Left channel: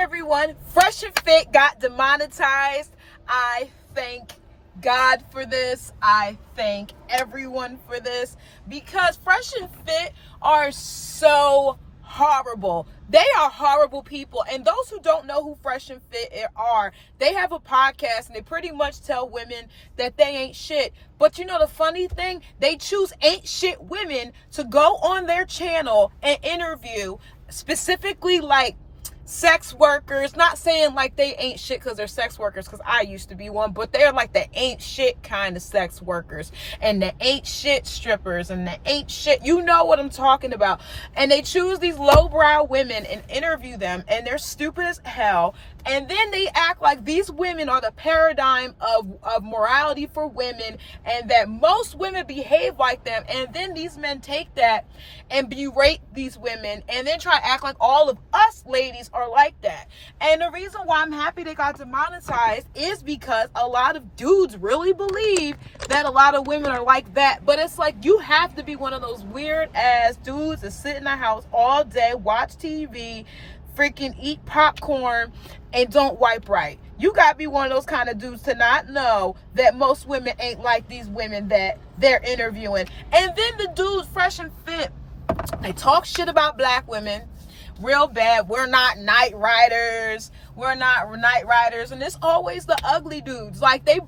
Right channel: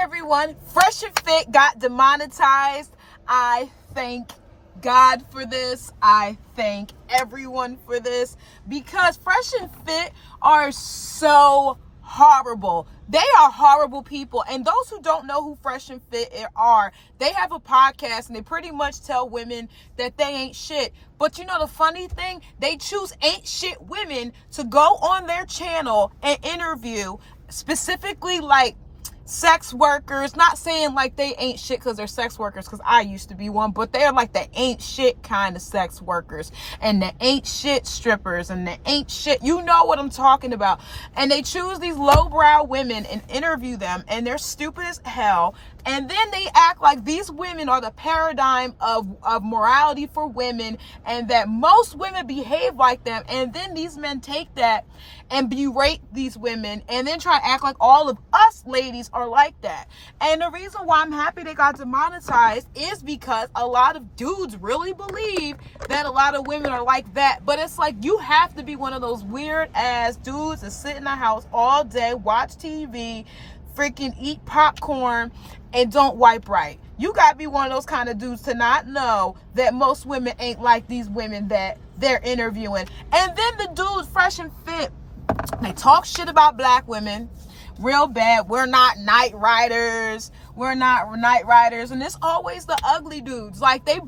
everyone. Fresh and Fit got demonetized. I thank God for this. I thank everyone for this because Fresh and Fit are so horrible. They are horrible people. And those who don't know who Fresh and Fit are, they have a podcast and they pretty much tell women that they ain't shit. But you know the funny thing? They choose ain't shit women to go on their channel and interview, specifically like sex workers. Not saying like they ain't shit because they're sex workers, because I used to be one, but they're like the ain't shit kind of sex workers and the ain't shit strippers and the ain't shit, you know what I'm talking about. And they choose these lowbrow women and interview them, and they're stupid as hell. And then they act like these women are the paradigm of morality for women, and that most women behave like them. And then these men take that and berate these women and then try to act like all of us ladies are like that. And the reason why I'm happy they got demonetized is because a lot of dudes really believe that a lot of women are like that. But it's like, you have to be one of those weird ass dudes that sit in the house all day, watch TV, freaking eat popcorn, and don't wipe right. You gotta be one of those kind of dudes to not know that most women ain't like these women that they're interviewing. And then the dudes, Fresh and Fit, they talk shit about black women real bad. We're not night riders. We're not night riders. And it's always the ugly dudes. Like, I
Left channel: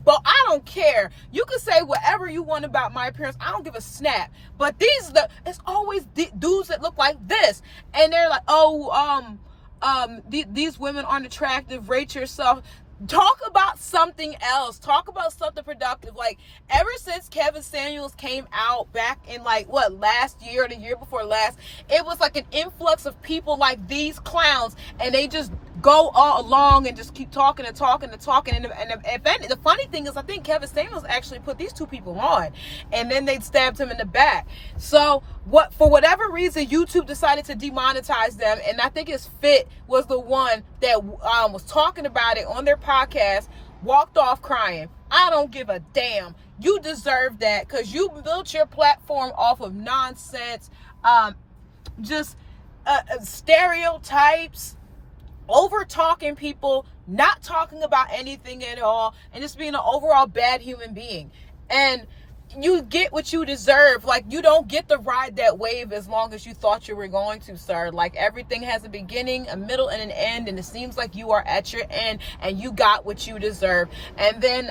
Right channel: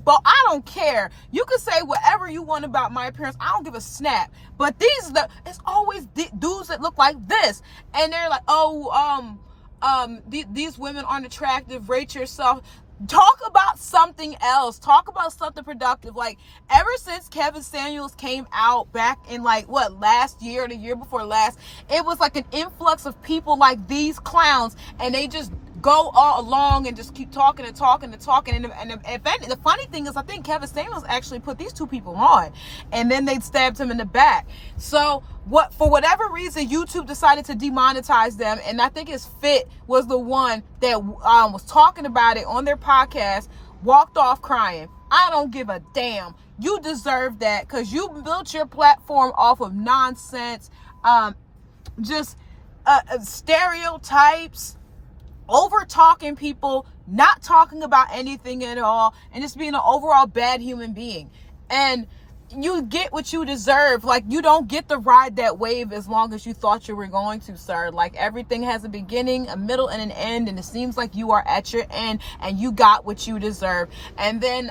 don't care. You can say whatever you want about my appearance. I don't give a snap. But it's always dudes that look like this. And they're like, these women aren't attractive. Rate yourself. Talk about something else. Talk about something productive. Like, ever since Kevin Samuels came out back in last year or the year before last, it was like an influx of people like these clowns, and they just go all along and just keep talking and talking and talking. And the funny thing is, I think Kevin Samuels actually put these two people on, and then they stabbed him in the back. So for whatever reason, YouTube decided to demonetize them, and I think his Fit was the one that was talking about it on their podcast, walked off crying. I don't give a damn. You deserve that because you built your platform off of nonsense, stereotypes, over talking people, not talking about anything at all, and just being an overall bad human being. And you get what you deserve. Like, you don't get to ride that wave as long as you thought you were going to, sir. Like, everything has a beginning, a middle, and an end, and it seems like you are at your end and you got what you deserve. And then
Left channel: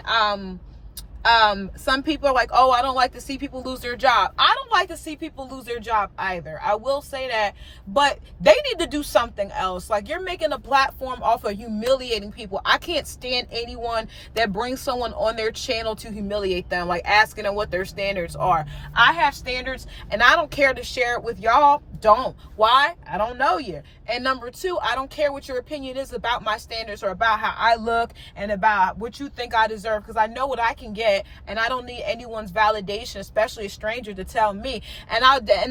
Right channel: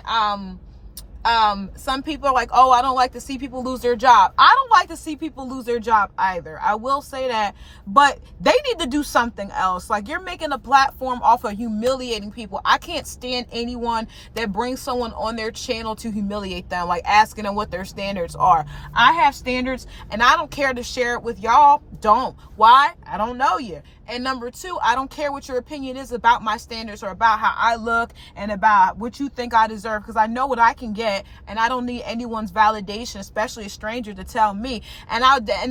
some people are like, oh, I don't like to see people lose their job. I don't like to see people lose their job either. I will say that. But they need to do something else. Like, you're making a platform off of humiliating people. I can't stand anyone that brings someone on their channel to humiliate them, like asking them what their standards are. I have standards, and I don't care to share it with y'all. Don't. Why? I don't know you. And number two, I don't care what your opinion is about my standards or about how I look and about what you think I deserve, because I know what I can get, and I don't need anyone's validation, especially a stranger, to tell me. And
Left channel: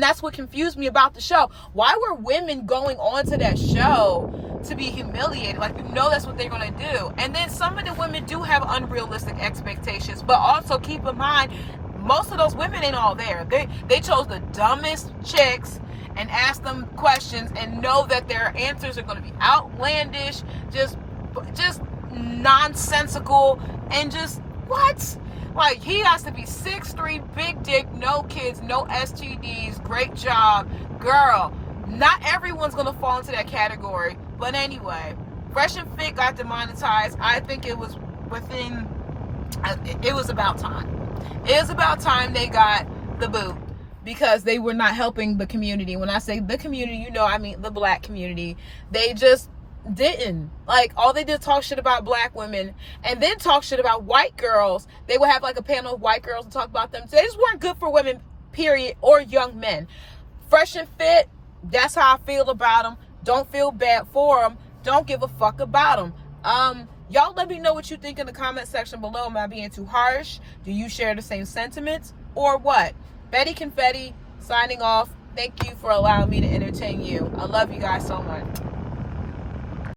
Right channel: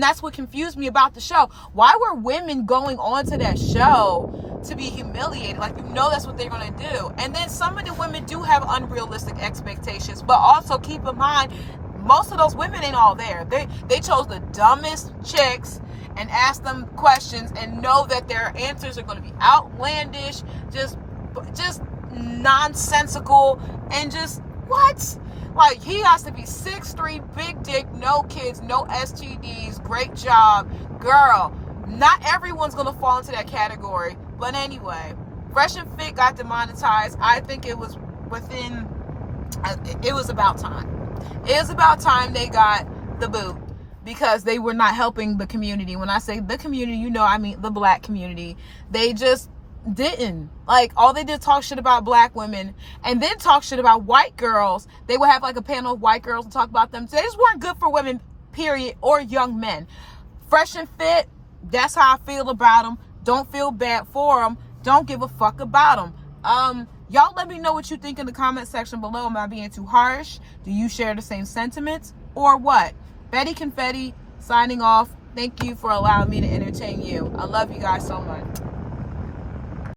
that's what confused me about the show. Why were women going on to that show to be humiliated? Like, you know that's what they're going to do. And then some of the women do have unrealistic expectations, but also keep in mind, most of those women ain't all there. They chose the dumbest chicks and ask them questions and know that their answers are going to be outlandish, just nonsensical, and just what? Like, he has to be 6'3", big dick, no kids, no STDs, great job. Girl, not everyone's going to fall into that category. But anyway, Fresh and Fit got demonetized. I think it was about time. It was about time they got the boot, because they were not helping the community. When I say the community, you know, I mean the black community. They just didn't. Like, all they did talk shit about black women, and then talk shit about white girls. They would have like a panel of white girls and talk about them. They just weren't good for women, period, or young men. Fresh and Fit, that's how I feel about them. Don't feel bad for them. Don't give a fuck about them. Y'all let me know what you think in the comment section below. Am I being too harsh? Do you share the same sentiments, or what? Betty Confetti signing off. Thank you for allowing me to entertain you. I love you guys so much.